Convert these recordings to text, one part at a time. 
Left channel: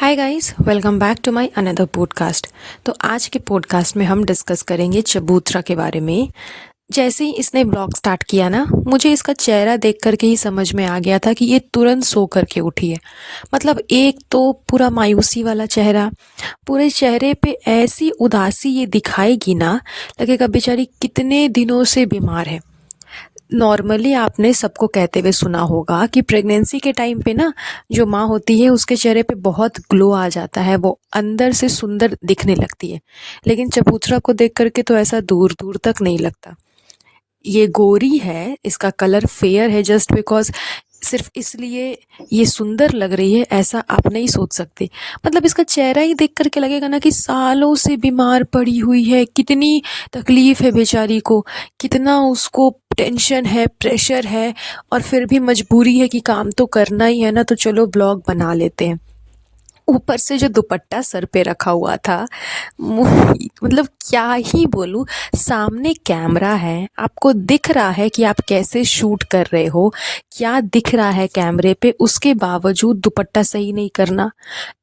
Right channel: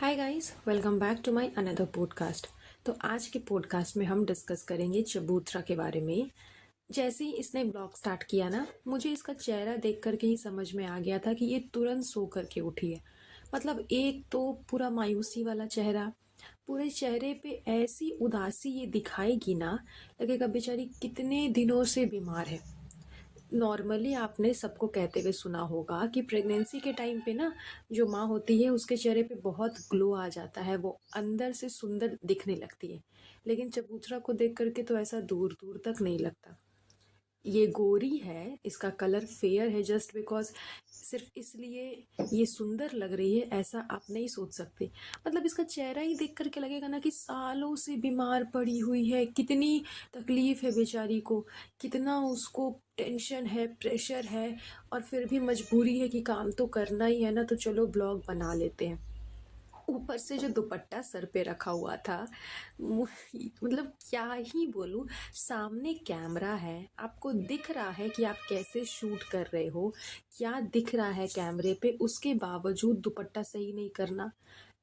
Hi guys, welcome back to my another podcast. तो आज के पॉडकास्ट में हम डिस्कस करेंगे चबूतरा के बारे में। जैसे ही इसने ब्लॉग स्टार्ट किया ना, मुझे इसका चेहरा देख करके ही समझ में आ गया था कि ये तुरंत सो करके उठी है। मतलब एक तो पूरा मायूसी वाला चेहरा, पूरे चेहरे पे ऐसी उदासी ये दिखाएगी ना, लगेगा बेचारी कितने दिनों से बीमार है। नॉर्मली आपने सबको कहते हुए सुना होगा कि प्रेगनेंसी के टाइम पे ना, जो माँ होती है उसके चेहरे पे बहुत ग्लो आ जाता है, वो अंदर से सुंदर दिखने लगती है। लेकिन चबूतरा को देख करके तो ऐसा दूर दूर तक नहीं लगता। ये गोरी है, इसका कलर फेयर है जस्ट बिकॉज, सिर्फ इसलिए ये सुंदर लग रही है ऐसा आप नहीं सोच सकते। मतलब इसका चेहरा ही देख करके लगेगा ना कि सालों से बीमार पड़ी हुई है, कितनी तकलीफ है बेचारी को, कितना उसको टेंशन है, प्रेशर है, और फिर भी मजबूरी है कि काम तो करना ही है ना, तो चलो ब्लॉग बना लेते हैं। ऊपर से जो दुपट्टा सर पे रखा हुआ था, मतलब क्या ही बोलूँ। सामने कैमरा है, आपको दिख रहा है कि आप कैसे शूट कर रहे हो, क्या दिख रहा है कैमरे पे, उसके बावजूद दुपट्टा सही नहीं करना,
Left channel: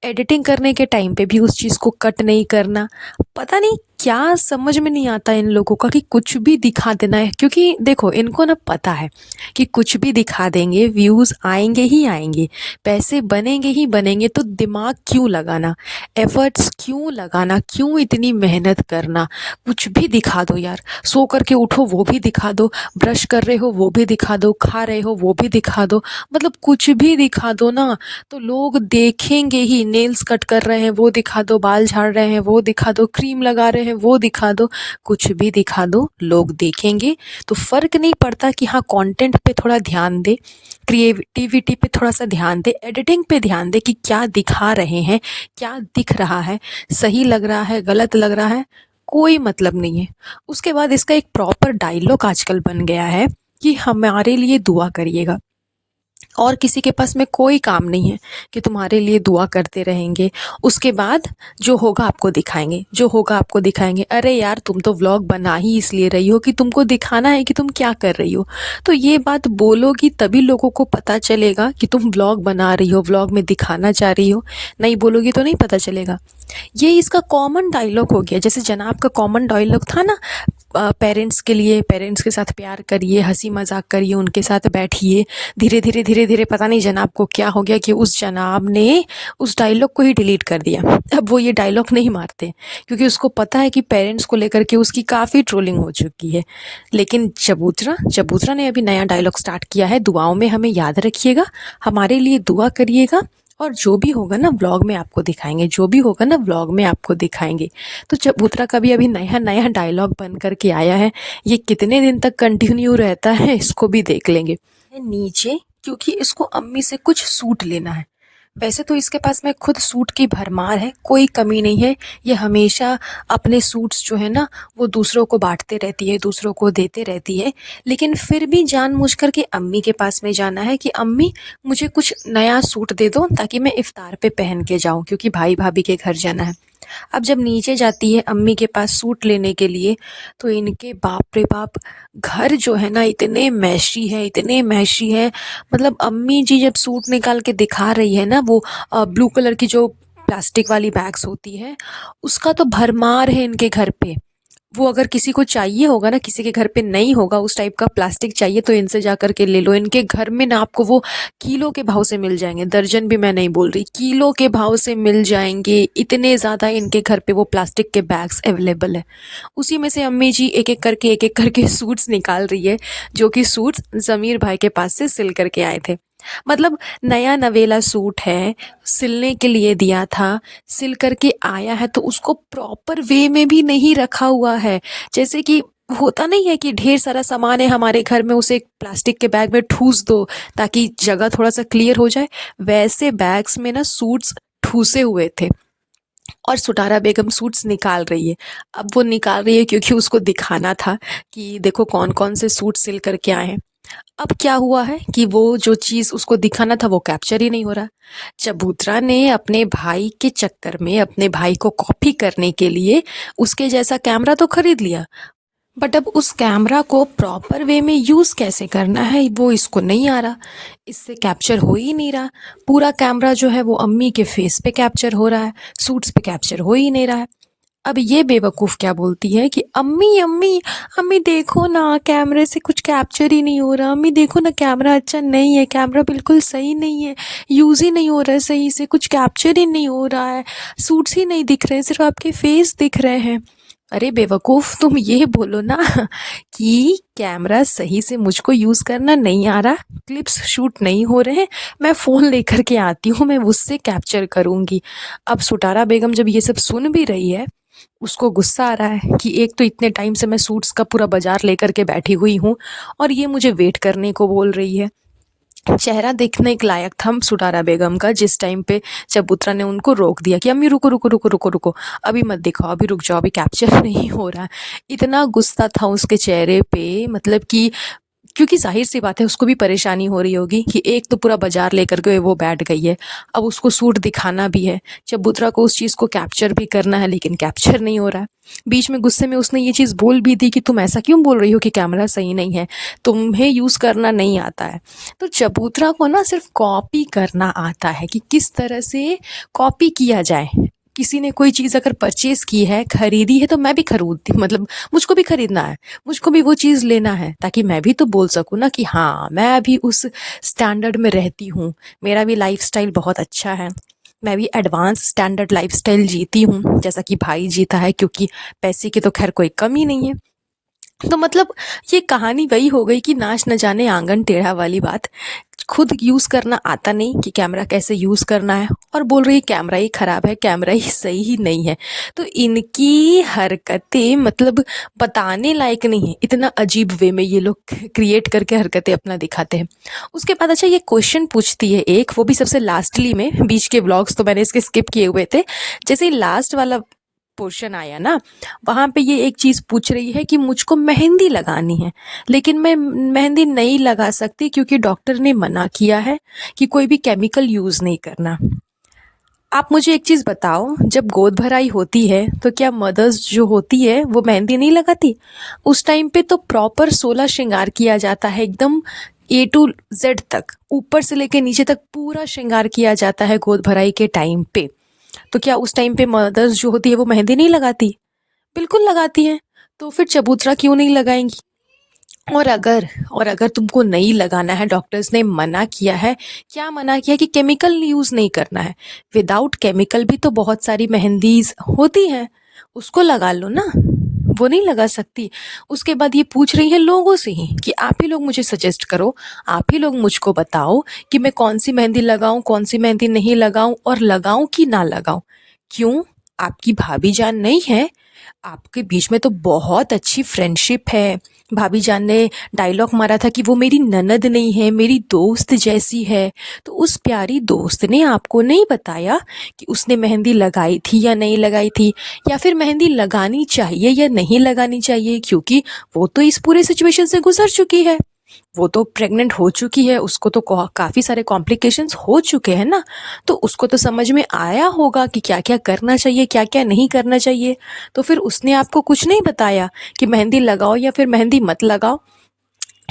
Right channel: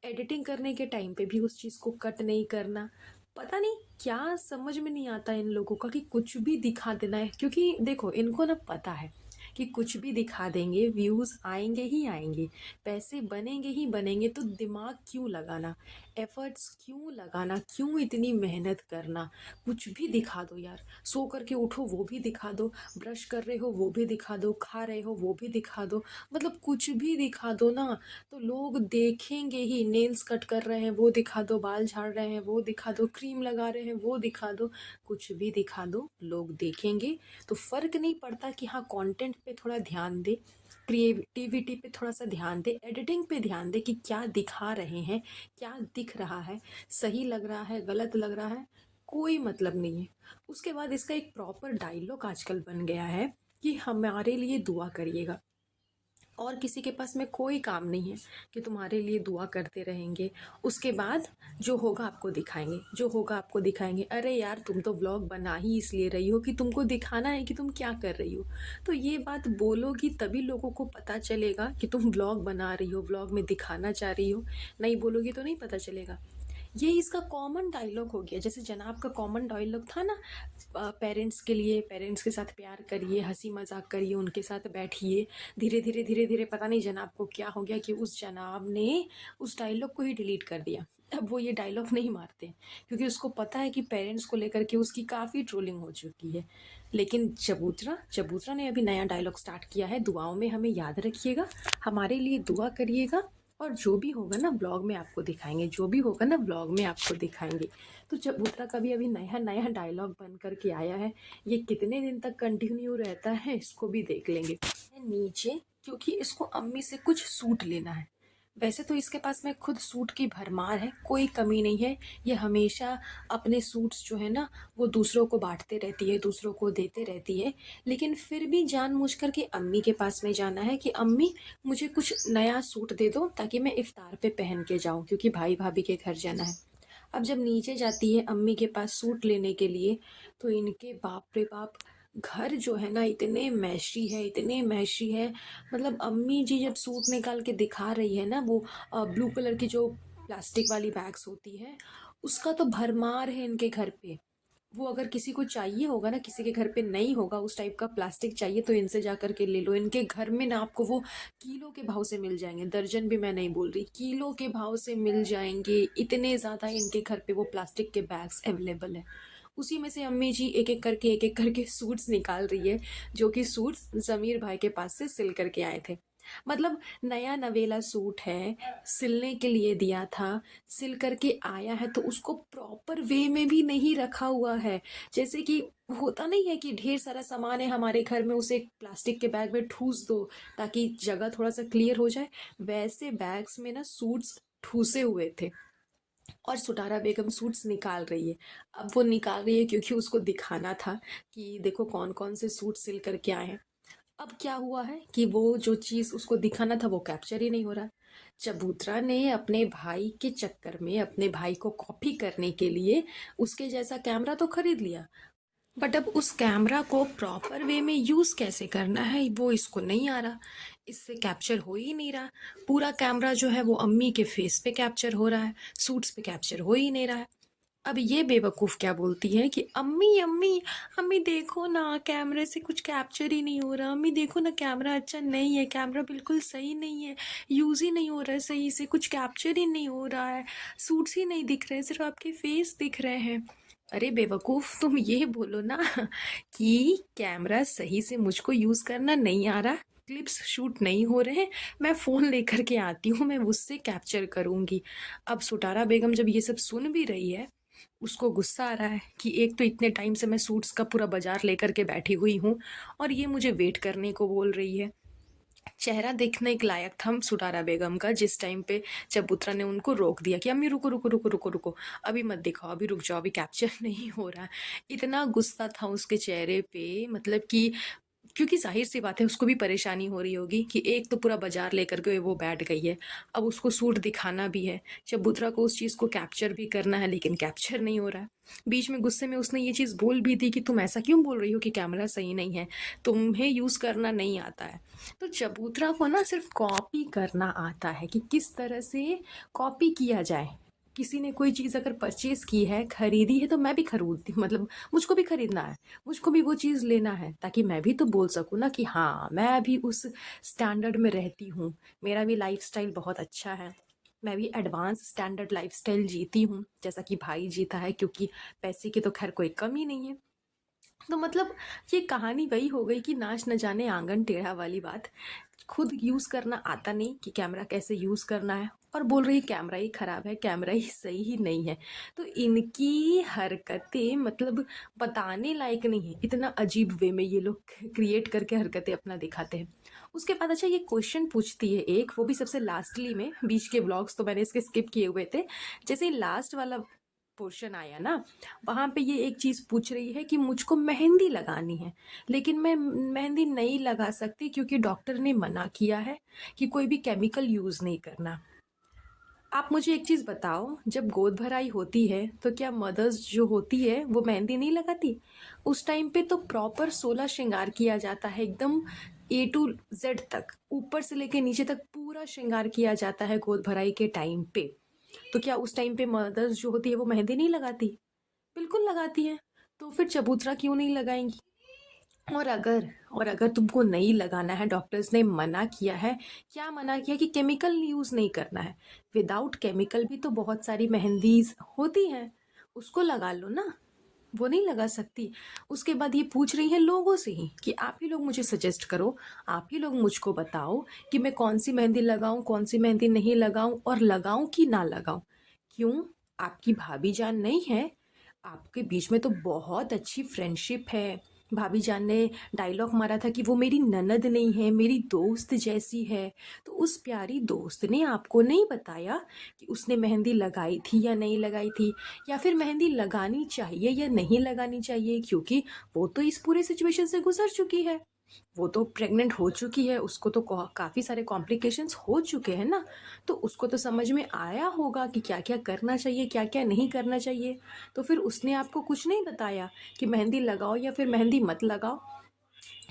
एडिटिंग करने के टाइम पे भी उस चीज़ को कट नहीं करना। पता नहीं क्या समझ में नहीं आता इन लोगों का कि कुछ भी दिखा देना है। क्योंकि देखो, इनको ना पता है कि कुछ भी दिखा देंगे व्यूज़ आएंगे ही आएंगे, पैसे बनेंगे ही बनेंगे, तो दिमाग क्यों लगाना, एफर्ट्स क्यों लगाना, क्यों इतनी मेहनत करना। कुछ भी दिखा दो यार, सो करके उठो वो भी दिखा दो, ब्रश कर रहे हो वो भी दिखा दो, खा रहे हो वो भी दिखा दो, मतलब कुछ भी दिखा दो ना, तो लोग देखेंगे ही। नेल्स कट कर रहे हैं वो दिखा दो, बाल झाड़ रहे हैं वो दिखा दो, क्रीम लगा रहे हैं वो दिखा दो, कुछ भी दिखा दो लोग देखेंगे। तो फ़र्क नहीं पड़ता कि हाँ, कंटेंट पे थोड़ा ध्यान दे, क्रिएटिविटी पे थोड़ा सा ध्यान दे, एडिटिंग पे ध्यान दे कि क्या दिखा रहे हैं, क्या दिख रहा है, सही लग रहा है, गलत लग रहा है, कोई मतलब नहीं है। उसके बाद इसका एक प्रॉपर डायलॉग आजकल बन गया है कि हमारे लिए दुआ करिएगा। और किसी के पास में कोई काम नहीं है कि तुम्हारे लिए दुआ करते रहेंगे। उसके बाद जो होगा आपको दिखाएंगे, जो होगा आपको दिखाएंगे। अरे यार, तुम तो व्लॉग बना ही इसलिए रही हो कि तुमको दिखाना है कि तुम क्या कर रही हो। तो ये बात बोलोगी तभी लोगों को पता चलेगा कि तुम व्लॉग बना रही हो, व्लॉग में दिखाना चाह रही हो। नहीं बोलोगी तो नहीं पता चलेगा। ये इसका कॉमन डायलॉग हो गया। जैसे जनाब का कॉमन डायलॉग था ना, पेरेंट्स के लिए, पेरेंट्स के साथ प्यार करिए, हंसी मजाक करिए, उनके साथ बैठिए। धीरे धीरे धीरे धीरे पता नहीं जनाब को क्या हो गया कि उस जनाब ने उस डायलॉग को ही डिलीट कर दिया। अब वो ये डायलॉग नहीं मारते, क्योंकि उसको पता है कि पेरेंट्स को लेकर के उसकी काफ़ी ट्रोलिंग हो चुकी है। लेकिन चबूतरा चबूतरा ने अभी नया डायलॉग स्टार्ट किया है, दुआओं में हमें याद रखिएगा, हमारे लिए दुआ करिएगा, और जो भी होगा ना व्लॉग में आपको दिखाएंगे, जो भी होगा ना व्लॉग में आपको दिखाएंगे। तो चबूतरा का भी अभी नया नया डायलॉग बन करके आया है। ये कितने दिन तक कंटिन्यू रहता है इसको भी देख लेंगे। नीचे, क्योंकि इसको अम्मी से कुछ सूट लेना है। वैसे तो इसके पास में खुद सूट की भरमार है, कोई कमी नहीं है। ये हमेशा अपने सूट्स जो है ना, वो दूसरों को बांटते रहती है, दूसरों को देते रहती है। लेकिन फिर भी जानबूझ कर के अम्मी के पास में जाना है कि अम्मी, मुझे कुछ नया सूट दे दो ताकि मैं इफ्तार पे पहन के जाऊं, क्योंकि भाई भाभी के घर जाना है। अब जब नीचे जाती है अम्मी के पास सूट लेने के लिए, तो इनके बाप रे बाप, घर जो है ना इतने मैशी है, इतने मैशी है। मतलब अम्मी जी जब सूट निकाल के दिखा रही है ना, वो ब्लू कलर की जो प्लास्टिक वाली बैग्स होती है, उसका तो भरमार है इनके घर पे। वो अगर किसी को चाहिए होगा ना, किसी के घर पे नहीं होगा उस टाइप का प्लास्टिक चाहिए, तो इनसे जा कर के ले लो। इनके घर में ना आपको वो किलो के भाव से मिल जाएंगे, दर्जन भी मैं नहीं बोल रही, किलो के भाव से मिल जाएंगे। इतने ज़्यादा इनके घर पे वो प्लास्टिक के बैग्स अवेलेबल है। उसी में से अम्मी जी एक एक करके सूट्स निकाल रही है, जो कि सूट्स ज़मीर भाई के पास से सिल करके आए थे। मतलब नया नवेला सूट है, सिलने के लिए दिया था, सिल करके आया है, तो उसको प्रॉपर वे में भी नहीं रखा हुआ है। जैसे कि होता नहीं है कि ढेर सारा सामान है हमारे घर में, उसे एक प्लास्टिक के बैग में ठूस दो ताकि जगह थोड़ा सा क्लियर हो जाए। वैसे बैग्स में ना सूट्स ठूसे हुए थे, और सुटारा बेगम सूट्स निकाल रही है। अब वो निकाल रही है क्योंकि उसको दिखाना था कि देखो कौन कौन से सूट सिल करके आए हैं। अब क्या हुआ है कि वो जो चीज़ उसको दिखाना था वो कैप्चर ही नहीं हो रहा। चबूतरा ने अपने भाई के चक्कर में, अपने भाई को कॉपी करने के लिए उसके जैसा कैमरा तो खरीद लिया, बट अब उस कैमरा को प्रॉपर वे में यूज़ कैसे करना है वो इसको नहीं आ रहा। इससे कैप्चर हो ही नहीं रहा। पूरा कैमरा जो है वो अम्मी के फेस पे कैप्चर हो रहा है, सूट्स पे कैप्चर हो ही नहीं रहा है। अब ये बेवकूफ़ क्या बोलती है कि अम्मी अम्मी अम्मी देखो ना, कैमरे से कुछ कैप्चर ही नहीं हो रहा, अम्मी देखो ना कैमरा अच्छा नहीं है, कैमरा बिल्कुल सही नहीं है, यूज़ ही नहीं हो रहा है सही से, कुछ कैप्चर ही नहीं हो रहा है, सूट्स ही नहीं दिख रहे हैं, सिर्फ आपके फेस दिख रहे हैं। अरे बेवकूफ़, तुम ये बोलो ना कि कैमरा सही से मुझको यूज़ करना नहीं आ रहा, क्लिप्स शूट नहीं हो रहे हैं, मैं फ़ोन लेकर के आती हूँ, मैं उससे कैप्चर करूँगी। अब सुटारा बेगम जब ये सब सुन भी रही है, उसको गुस्सा आ रहा है कि एक तो इतने टाइम से मैं सूट्स का पूरा बाजार लेकर के बैठी हुई हूँ और ये मुझे वेट करने को बोल रही है। चेहरा देखने के लायक था सुटारा बेगम का जिस टाइम पे चबूतरा ने उनको रोक दिया कि अम्मी रुको रुको रुको रुको रुको, अभी मत दिखाओ, अभी रुक जाओ, अभी कैप्चर नहीं हो रहा है। इतना गुस्सा था उसके चेहरे पे, मतलब कि क्योंकि ज़ाहिर सी बात है उसको भी परेशानी हो रही होगी कि एक तो पूरा बाजार लेकर के वो बैठ गई है, अब उसको सूट दिखाना भी है, चबूतरा को उस चीज़ को कैप्चर भी करना है, लेकिन कैप्चर नहीं हो रहा है। बीच में गुस्से में उसने ये चीज़ बोल भी दी कि तुम ऐसा क्यों बोल रही हो कि कैमरा सही नहीं है, तुम्हें यूज़ करना नहीं आता है। तो चबूतरा को ना सिर्फ कॉपी करना आता है कि किस तरह से कॉपी किया जाए। किसी ने कोई चीज़ अगर परचेज़ की है, खरीदी है, तो मैं भी खरीदती, मतलब मुझको भी खरीदना है, मुझको भी वो चीज़ लेना है, ताकि मैं भी तो बोल सकूँ ना कि हाँ, मैं भी उस स्टैंडर्ड में रहती हूँ, मेरा भी लाइफ़स्टाइल बहुत अच्छा है, मैं भी एडवांस स्टैंडर्ड लाइफ़स्टाइल जीती हूँ, जैसा कि भाई जीता है, क्योंकि पैसे की तो खैर कोई कमी नहीं है। तो मतलब ये कहानी वही हो गई कि नाच न जाने आंगन टेढ़ा वाली बात। खुद यूज़ करना आता नहीं कि कैमरा कैसे यूज़ करना है, और बोल रही है कैमरा ही ख़राब है, कैमरा ही सही ही नहीं है। तो इनकी हरकतें मतलब बताने लायक नहीं है, इतना अजीब वे में ये लोग क्रिएट करके हरकतें अपना दिखाते हैं। उसके बाद अच्छा ये क्वेश्चन पूछती है एक, वो भी सबसे लास्टली में, बीच के व्लॉग्स तो मैंने इसके स्किप किए हुए थे। जैसे ही लास्ट वाला पोर्शन आया ना, वहाँ पे ये एक चीज़ पूछ रही है कि मुझको मेहंदी लगानी है, लेकिन मैं मेहंदी नहीं लगा सकती क्योंकि डॉक्टर ने मना किया है कि कोई भी केमिकल यूज़ नहीं करना। आप मुझे एक चीज़ बताओ, जब गोद भराई होती है तो क्या मदर्स जो होती है वो मेहंदी नहीं लगाती? उस टाइम पे तो प्रॉपर 16 श्रृंगार किया जाता है, एकदम ए टू जेड तक, ऊपर से लेके नीचे तक पूरा श्रृंगार किया जाता है गोद भराई के टाइम पे। तो क्या उस टाइम पे मदर्स जो होती है वो मेहंदी नहीं लगाती? बिल्कुल लगाती हैं। तो फिर चबूतरा क्यों नहीं लगाएंगी? और अगर तुमको नहीं लगाना है, डॉक्टर्स ने मना किया है, क्या मना किया कि केमिकल यूज़ नहीं करना है। विदाउट केमिकल भी तो बहुत सारी मेहंदीज होती हैं, उसको लगा लो ना, वो नहीं लगा सकती। उसके बाद ये पूछ रही है लोगों से ही कि आप ही लोग मुझे सजेस्ट करो, आप ही लोग मुझको बताओ कि मैं कौन सी मेहंदी लगाऊं, कौन सी मेहंदी नहीं लगाऊं, और लगाऊं कि ना लगाऊं। क्यों? आपकी भाभी जान नहीं है? आपके बीच में तो बहुत अच्छी फ्रेंडशिप है। भाभी जान ने डायलॉग मारा था कि वो मेरी ननद नहीं है, मेरी दोस्त जैसी है। तो उस प्यारी दोस्त ने आपको नहीं बताया कि उसने मेहंदी लगाई थी या नहीं लगाई थी, या फिर मेहंदी लगानी चाहिए या नहीं लगानी चाहिए, क्योंकि वो तो इस पूरे सिचुएशन से गुजर चुकी है। वो तो प्रेग्नेंट हो चुकी है, उसको तो काफ़ी सारे कॉम्प्लिकेशंस हो चुके हैं ना, तो उसको तो समझ में आया होगा कि क्या क्या करना चाहिए, क्या क्या नहीं करना चाहिए। तो फिर उसने आपको कुछ नहीं बताया कि मेहंदी लगाओ या फिर मेहंदी मत लगाओ।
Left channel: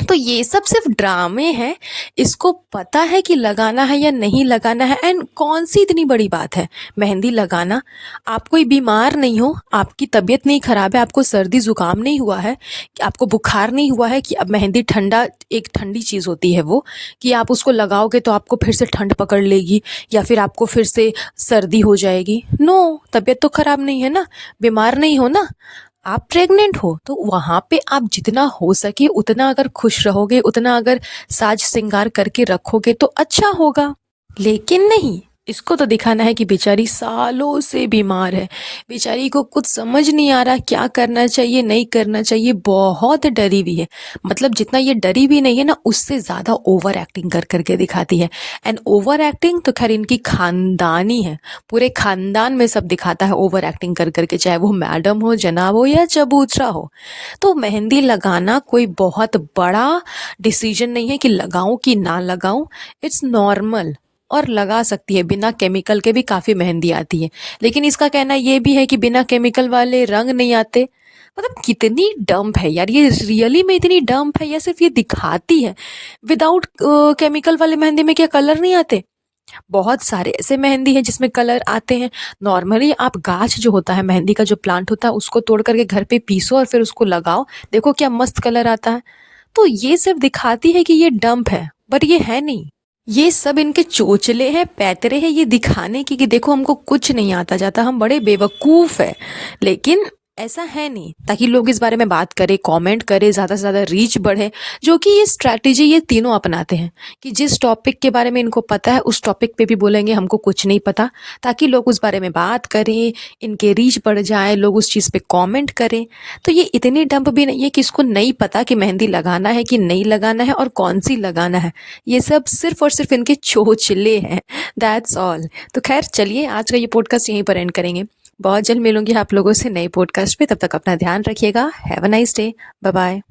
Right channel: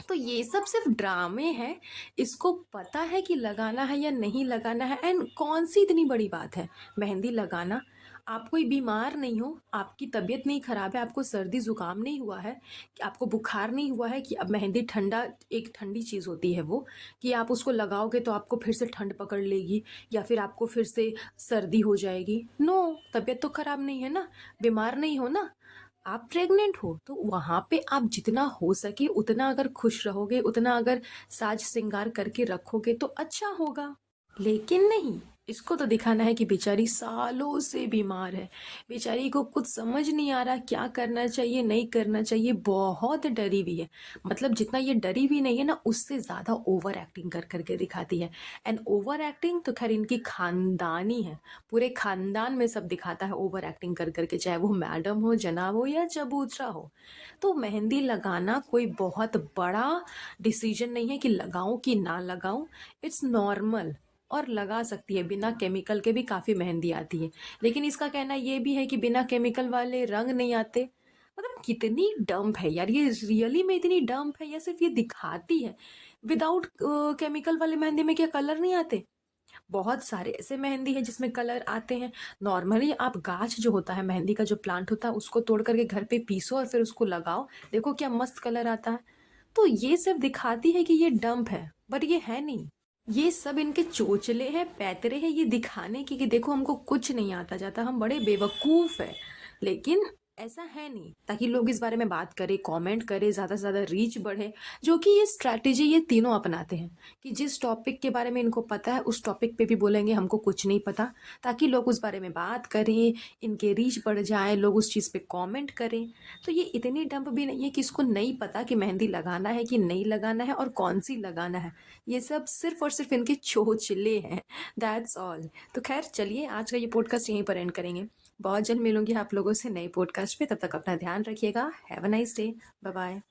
तो ये सब सिर्फ ड्रामे हैं। इसको पता है कि लगाना है या नहीं लगाना है, एंड कौन सी इतनी बड़ी बात है मेहंदी लगाना। आप कोई बीमार नहीं हो, आपकी तबीयत नहीं ख़राब है, आपको सर्दी ज़ुकाम नहीं हुआ है, कि आपको बुखार नहीं हुआ है कि अब मेहंदी ठंडा, एक ठंडी चीज़ होती है वो, कि आप उसको लगाओगे तो आपको फिर से ठंड पकड़ लेगी या फिर आपको फिर से सर्दी हो जाएगी। नो, तबीयत तो ख़राब नहीं है ना, बीमार नहीं हो ना, आप प्रेग्नेंट हो। तो वहाँ पे आप जितना हो सके उतना अगर खुश रहोगे, उतना अगर साज श्रृंगार करके रखोगे तो अच्छा होगा। लेकिन नहीं, इसको तो दिखाना है कि बेचारी सालों से बीमार है, बेचारी को कुछ समझ नहीं आ रहा क्या करना चाहिए नहीं करना चाहिए, बहुत डरी हुई है। मतलब जितना ये डरी हुई नहीं है ना, उससे ज़्यादा ओवर एक्टिंग कर करके दिखाती है। एंड ओवर एक्टिंग तो खैर इनकी खानदानी है, पूरे खानदान में सब दिखाता है ओवर एक्टिंग कर करके, चाहे वो मैडम हो, जनाब हो या चबूतरा हो। तो मेहंदी लगाना कोई बहुत बड़ा डिसीजन नहीं है कि लगाऊं कि ना लगाऊं, इट्स नॉर्मल। और लगा सकती है, बिना केमिकल के भी काफ़ी मेहंदी आती है। लेकिन इसका कहना ये भी है कि बिना केमिकल वाले रंग नहीं आते। मतलब कितनी डम्प है यार, ये रियली में इतनी डम्प है या सिर्फ ये दिखाती है? विदाउट केमिकल वाले मेहंदी में क्या कलर नहीं आते? बहुत सारे ऐसे मेहंदी हैं जिसमें कलर आते हैं। नॉर्मली आप गाछ जो होता है, मेहंदी का जो प्लांट होता है, उसको तोड़ करके घर पे पीसो और फिर उसको लगाओ, देखो क्या मस्त कलर आता है। तो ये सिर्फ दिखाती है कि ये डंप है, बट ये है नहीं। ये सब इनके चोचले हैं, पैतरे हैं, ये दिखाने की कि देखो हमको कुछ नहीं आता जाता, हम बड़े बेवकूफ़ है। लेकिन ऐसा है नहीं, ताकि लोग इस बारे में बात करें, कमेंट करें, ज़्यादा से ज़्यादा रीच बढ़े। जो कि ये स्ट्रैटेजी ये तीनों अपनाते हैं कि जिस टॉपिक के बारे में इनको पता है उस टॉपिक पे भी बोलेंगे हमको कुछ नहीं पता, ताकि लोग उस बारे में बात करें, इनके रीच बढ़ जाए, लोग उस चीज़ पे कमेंट करें। तो ये इतनी डंप भी नहीं है कि इसको नहीं पता कि मेहंदी लगाना है कि नहीं लगाना है और कौन सी लगाना है। ये सब सिर्फ और सिर्फ इनके चोचले हैं, दैट्स ऑल। तो खैर चलिए, आज का ये पॉडकास्ट यहीं पर एंड करेंगे। बहुत जल्द मिलूंगी आप लोगों से नए पॉडकास्ट पे, तब तक अपना ध्यान रखिएगा। Have a nice day. Bye bye.